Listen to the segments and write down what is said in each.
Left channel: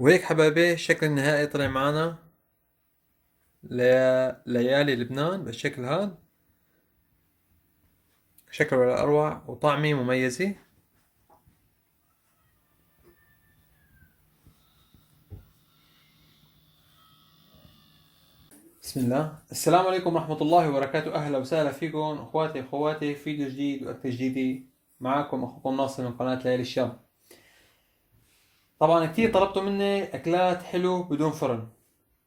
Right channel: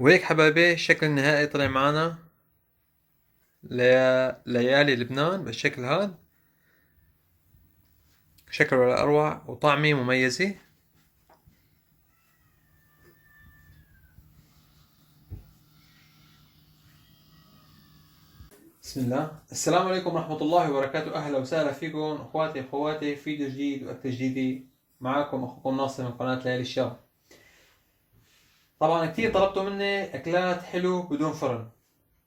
وهيك حبايبي الشكل النهائي طلع معنا ليالي لبنان بالشكل هذا. شكله ولا أروع وطعمه مميزة. بسم الله، السلام عليكم ورحمة الله وبركاته. أهلا وسهلا فيكم أخواتي أخواتي، فيديو جديد وأكلة جديدة. معكم أخوكم ناصر من قناة ليالي الشام. طبعا كتير طلبتوا مني أكلات حلو بدون فرن،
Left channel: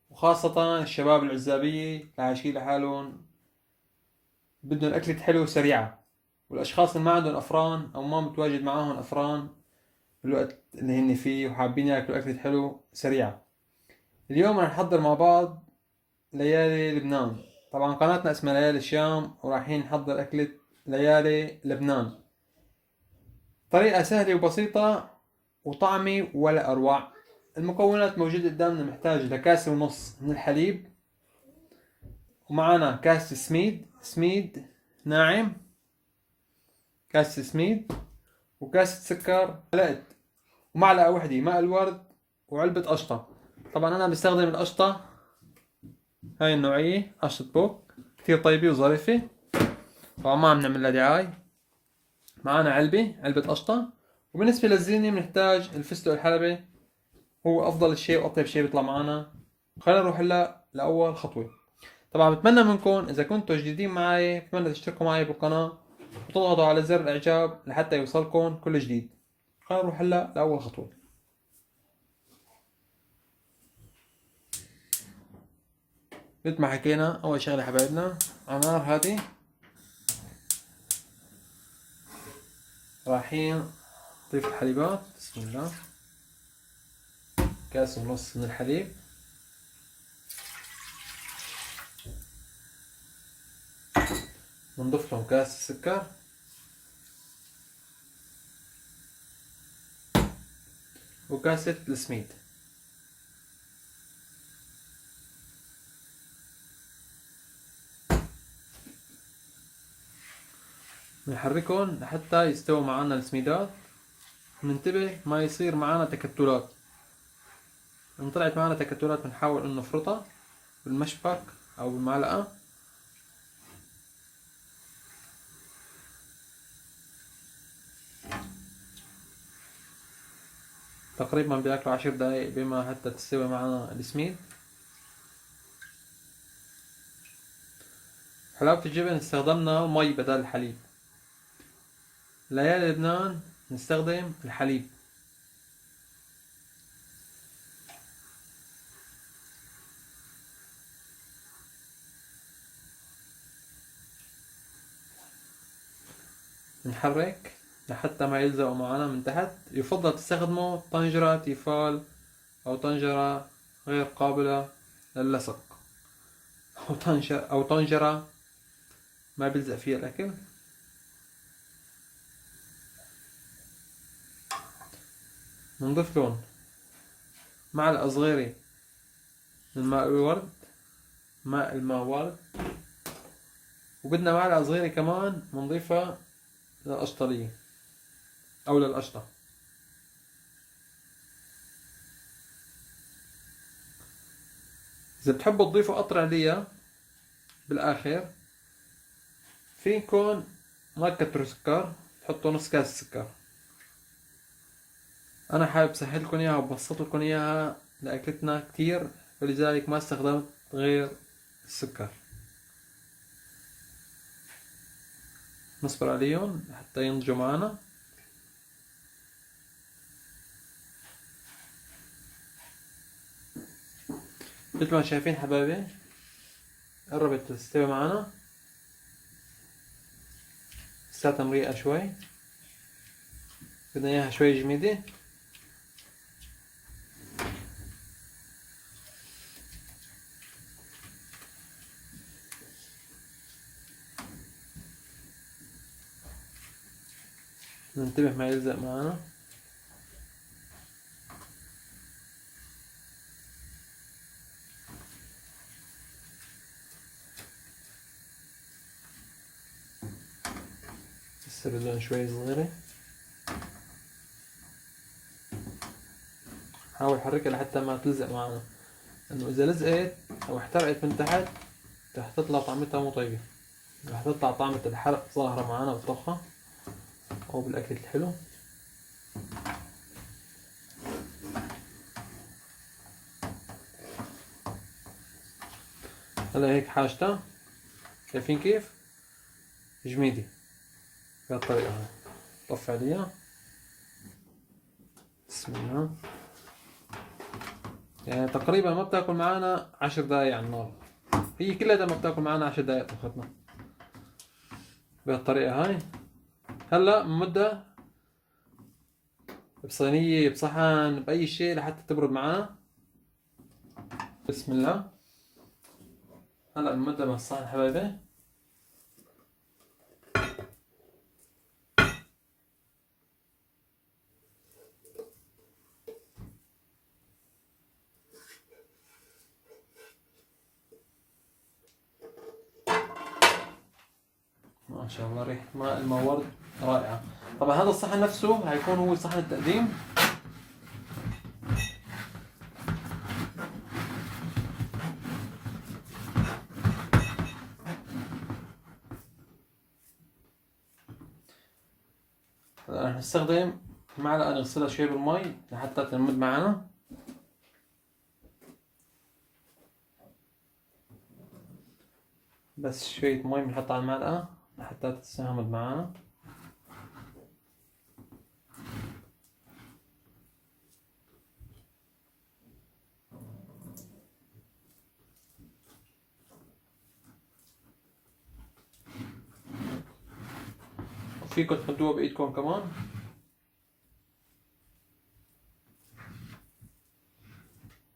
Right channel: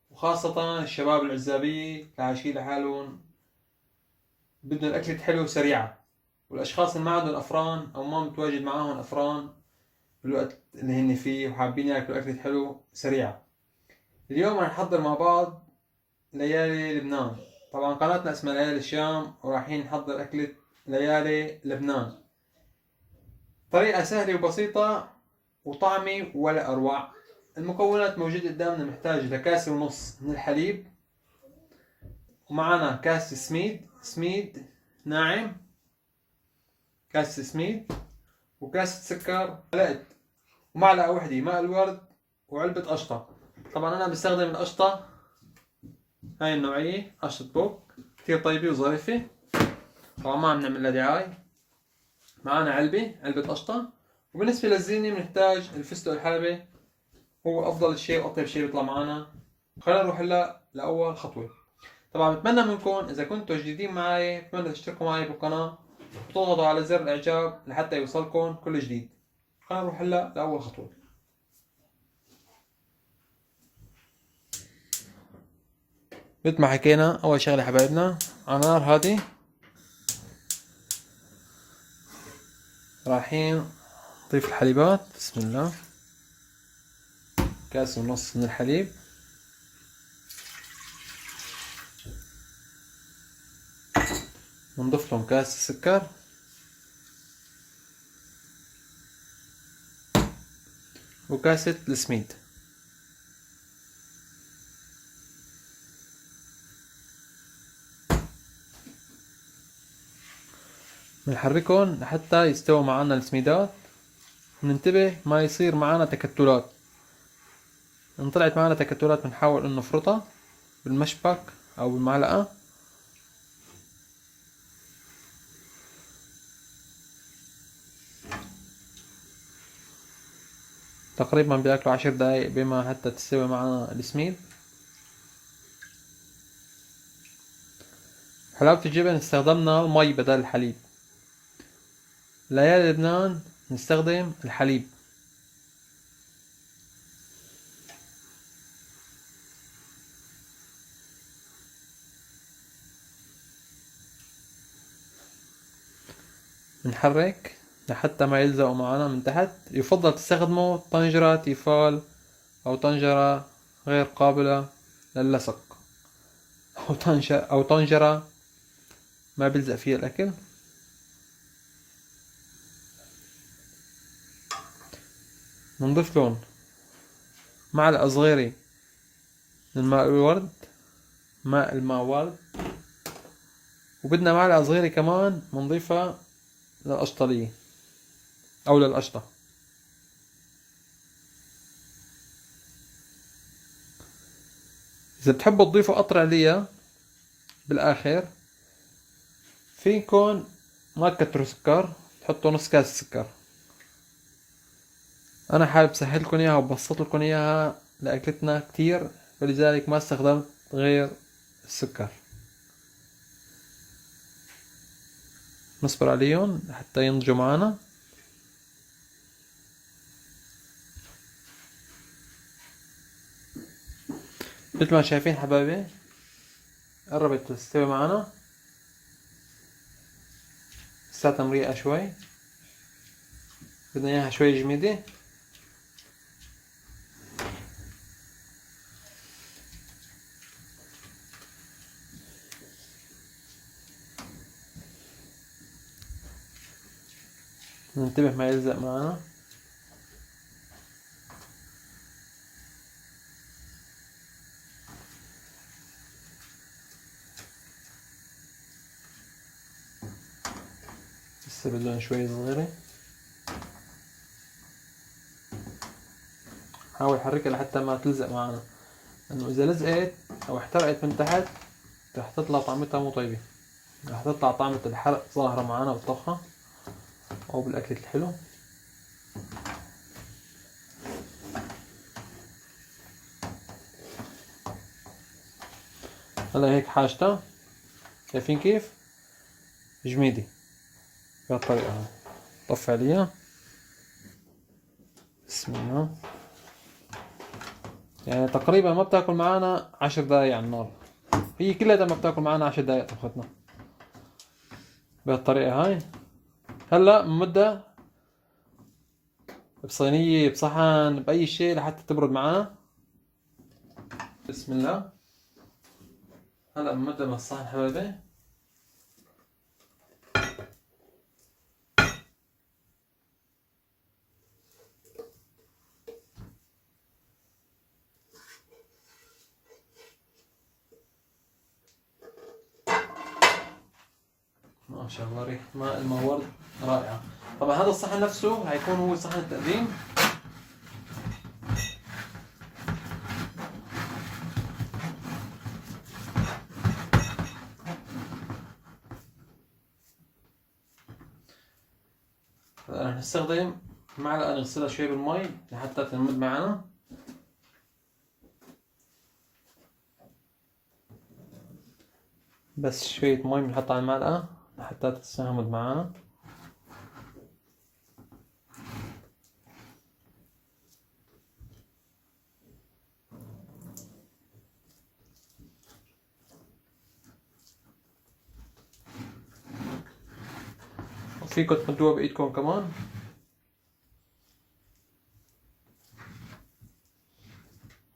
وخاصة الشباب العزابية اللي عايشين لحالهم بدهم الأكلة حلوة وسريعة، والأشخاص اللي ما عندهم أفران أو ما متواجد معاهم أفران بالوقت اللي هن فيه وحابين ياكلوا أكلة حلو سريعة. اليوم رح نحضر مع بعض ليالي لبنان. طبعا قناتنا اسمها ليالي الشام، ورايحين نحضر أكلة ليالي لبنان. طريقة سهلة وبسيطة وطعمي ولا أروع. المكونات موجودة قدامنا. محتاج لكاسة ونص من الحليب، ومعنا كاسة سميد ناعم، كاسة سميد، وكاسة سكر، ومعلقة وحدة ماء الورد، وعلبة قشطة. طبعا أنا بستخدم القشطة هاي النوعية، قشطة بوك، كثير طيبة وظريفة. طبعا ما عم نعمل لها دعاية. معانا علبة قشطة. وبالنسبة للزينة بنحتاج الفستق الحلبي، هو أفضل شيء وأطيب شيء بيطلع معنا. خلينا نروح هلا لأول خطوة. طبعا بتمنى منكم إذا كنتوا جديدين معي بتمنى تشتركوا معي بالقناة وتضغطوا على زر الإعجاب لحتى يوصلكم كل جديد. خلينا نروح هلا لأول خطوة. مثل ما حكينا، أول شغلة حبايبنا على نار هادي رايحين نضيف الحليبات. بسم الله. كاس ونص من الحليب، ونضيف لهم كاس السكر، وكاسة السميد. بنحركهم لحتى يستوى معنا السميدات، وننتبه ما يصير معنا تكتلات. إن طلعت معنا تكتلات بنحاول إنه نفرطها بالمشبك أو بالمعلقة. تقريبا بياكلوا 10 دقايق بما حتى تستوي معنا السميد. حلاوة الجبن استخدمنا مي بدل الحليب. ليالي لبنان نستخدم الحليب. نحرك لحتى ما يلزقوا معنا من تحت. يفضل تستخدموا طنجرة تيفال أو طنجرة غير قابلة للصق، أو طنجرة ما بيلزق فيها الأكل. بنضيف لهم معلقة صغيرة من ماء الورد، وبدنا معلقة صغيرة كمان بنضيفها للقشطلية أو للقشطة. إذا بتحبوا تضيفوا قطرة ليا بالآخر فيكن ما تكتروا سكر، تحطوا نص كاس سكر. أنا حابب سهلكن إياها وبسط لكم إياها لأكلتنا كتير، ولذلك ما استخدمت غير السكر. نصبر عليهم حتى ينضجوا معنا. مثل ما شايفين حبايبي قربت تستوي معنا، لساتها مريقة شوي، بدنا اياها شوي جميدة. ننتبه ما يلزق معنا. لسه بدهم شوي صغيرة. حاول حركها لحتى ما تلزق معنا، انه اذا لزقت او احترقت من تحت رح تطلع طعمتها مو طيبة، رح تطلع طعمة الحرق ظاهرة معنا بالطبخة او بالاكل الحلو. هلا هيك حاجتها شايفين كيف جميدة بهالطريقة هاي. طفي عليها، بسم الله. يعني تقريبا ما بتاكل معانا 10 دقايق على النار، هي كلها ما بتاكل معانا 10 دقايق طبختنا بهالطريقة هاي. هلا بنمدها بصينية بصحن بأي شيء لحتى تبرد معانا. بسم الله. هلا بنمدها بهالصحن حبايبي. ما شاء الله ريحة ماء المورد رائعة. طبعا هذا الصحن نفسه هيكون هو صحن التقديم. رح نستخدم معلقة نغسلها شوي بالمي لحتى تنمد معنا. بس شوية مي بنحطها على المعلقة لحتى تستهمد معنا. وفيكم تمدوها بإيدكم كمان.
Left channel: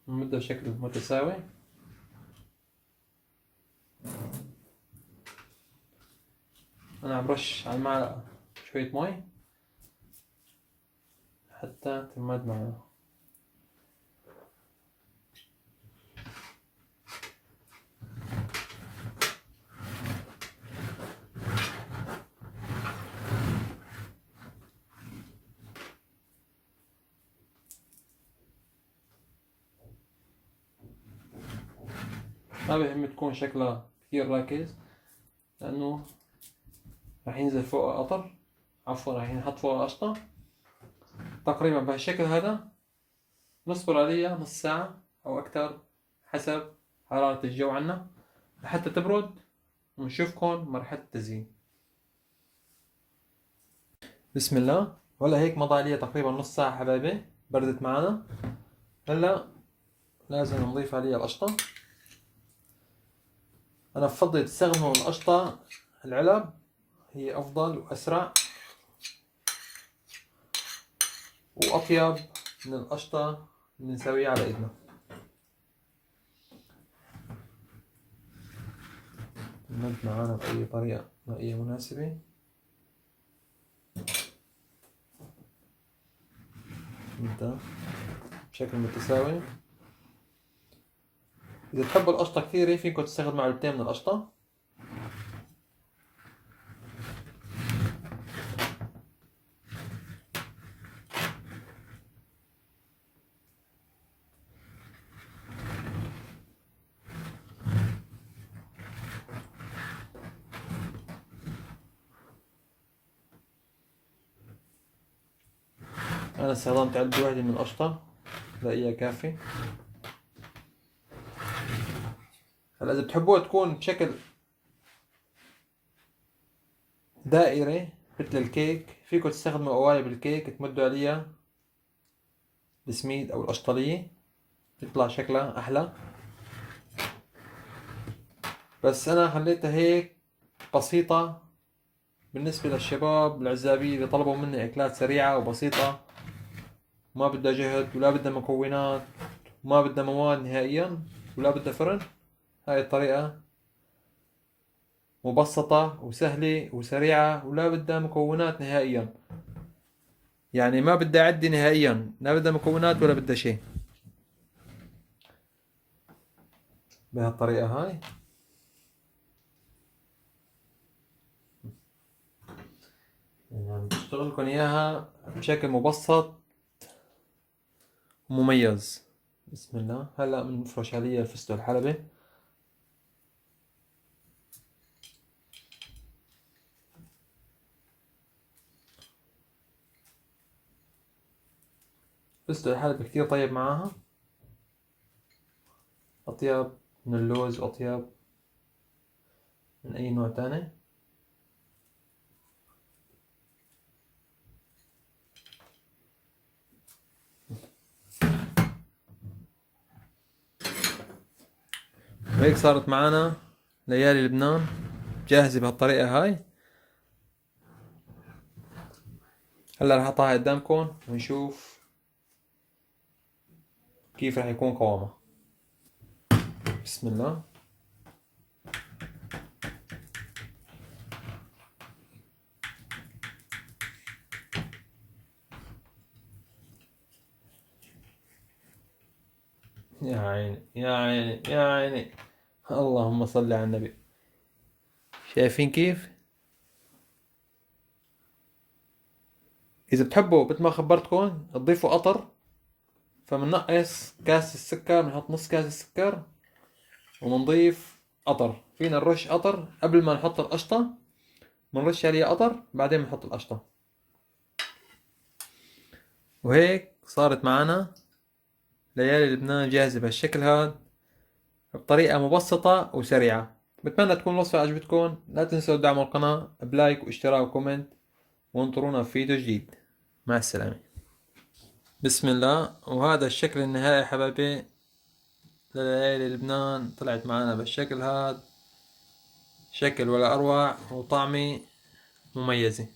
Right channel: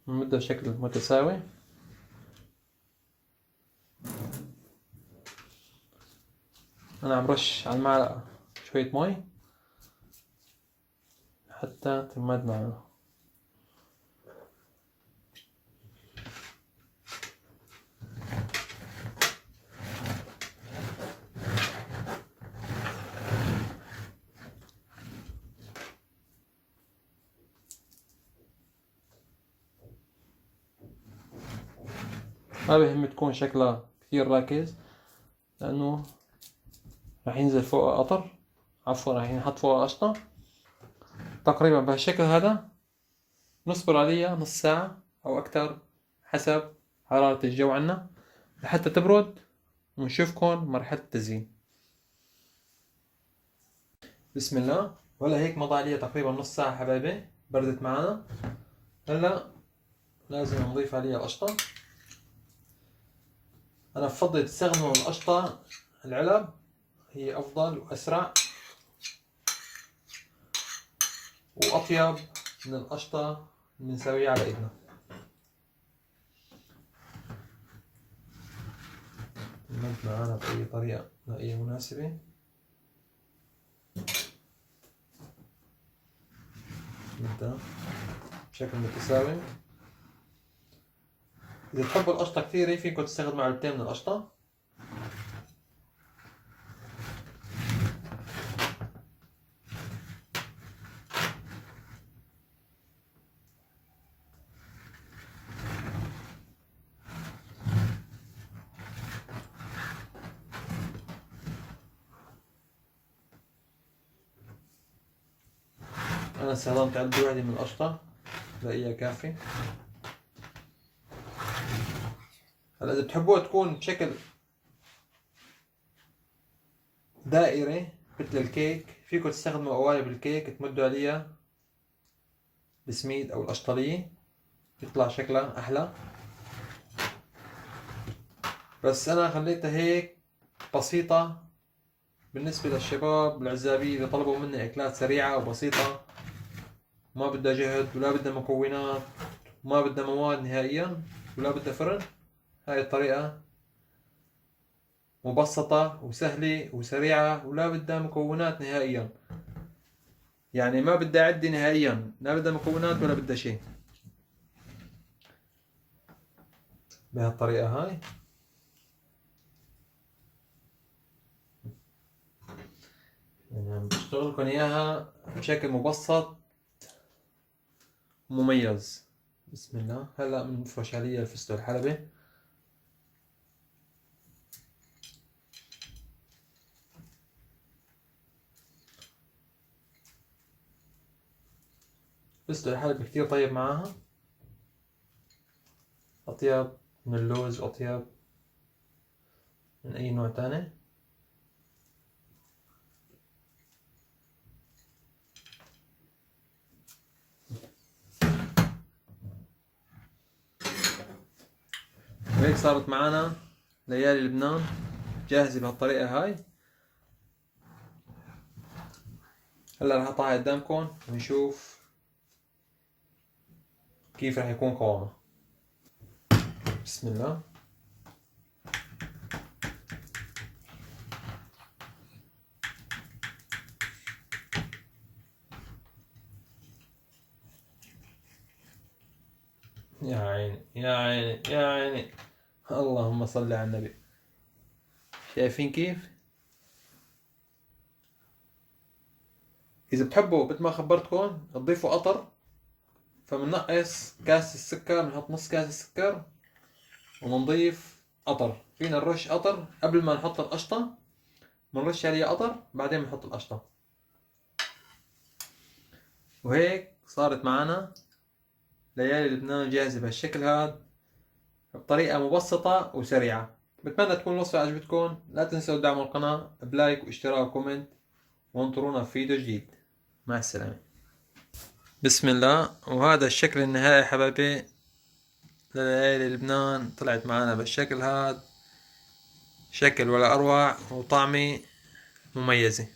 نمدها بشكل متساوي. أنا عم رش على المعلقة شوية مي حتى تمد معنا. ما بهم تكون شكلها كثير راكز لأنه راح ينزل فوقها قطر، عفوا راح ينحط فوقها قشطة. تقريبا بهالشكل هذا نصبر عليها نص ساعة أو أكثر حسب حرارة الجو عنا لحتى تبرد، ونشوفكم مرحلة التزيين. بسم الله. ولا هيك مضى عليها تقريبا نص ساعة حبايبي، بردت معنا. هلا لازم نضيف عليها القشطة. أنا بفضل تستخدموا القشطة العلب، هي أفضل وأسرع وأطيب من القشطة اللي نسويها على إيدنا. تمد معانا بأي طريقة بأي مناسبة. نبدأ بشكل متساوي. إذا تحبوا القشطة كثيرة فيكم تستخدموا علبتين من القشطة. أنا استخدمت علبة واحدة من القشطة، بلاقيها كافي. هلا إذا بتحبوها تكون بشكل دائري مثل الكيك فيكم تستخدموا قوالب الكيك تمدوا عليها السميد أو القشطلية، يطلع شكلها أحلى. بس أنا خليتها هيك بسيطة بالنسبة للشباب العزابية اللي طلبوا مني أكلات سريعة وبسيطة، ما بدها جهد ولا بدها مكونات وما بدها مواد نهائيا ولا بدها فرن. هاي الطريقة مبسطة وسهلة وسريعة ولا بدها مكونات نهائيا، يعني ما بدها عدة نهائيا، لا بدها مكونات ولا بدها شيء. بهالطريقة هاي يعني عم بشتغل لكم إياها بشكل مبسط مميز. بسم الله. هلا بنفرش عليه الفستق الحلبي. الفستق الحلبي كتير طيب معاها، أطيب من اللوز وأطيب من أي نوع تاني. وهيك صارت معنا ليالي لبنان جاهزة بهالطريقة هاي. هلا رح احطها قدامكم ونشوف كيف رح يكون قوامها. بسم الله. يا عيني يا عيني يا عيني، اللهم صل على النبي. شايفين كيف؟ إذا بتحبوا مثل ما خبرتكم تضيفوا قطر، فبننقص كاس السكر، بنحط نص كاس السكر ونضيف قطر. فينا نرش قطر قبل ما نحط القشطة، بنرش عليه قطر بعدين بنحط القشطة. وهيك صارت معنا ليالي لبنان جاهزة بهالشكل هذا، بطريقة مبسطة وسريعة. بتمنى تكون الوصفة عجبتكم. لا تنسوا دعم القناة بلايك واشتراك وكومنت، وانطرونا في فيديو جديد. مع السلامة. بسم الله. وهذا الشكل النهائي حبايبي لليالي لبنان، طلعت معنا بالشكل هذا، شكل ولا أروع وطعمة مميزة.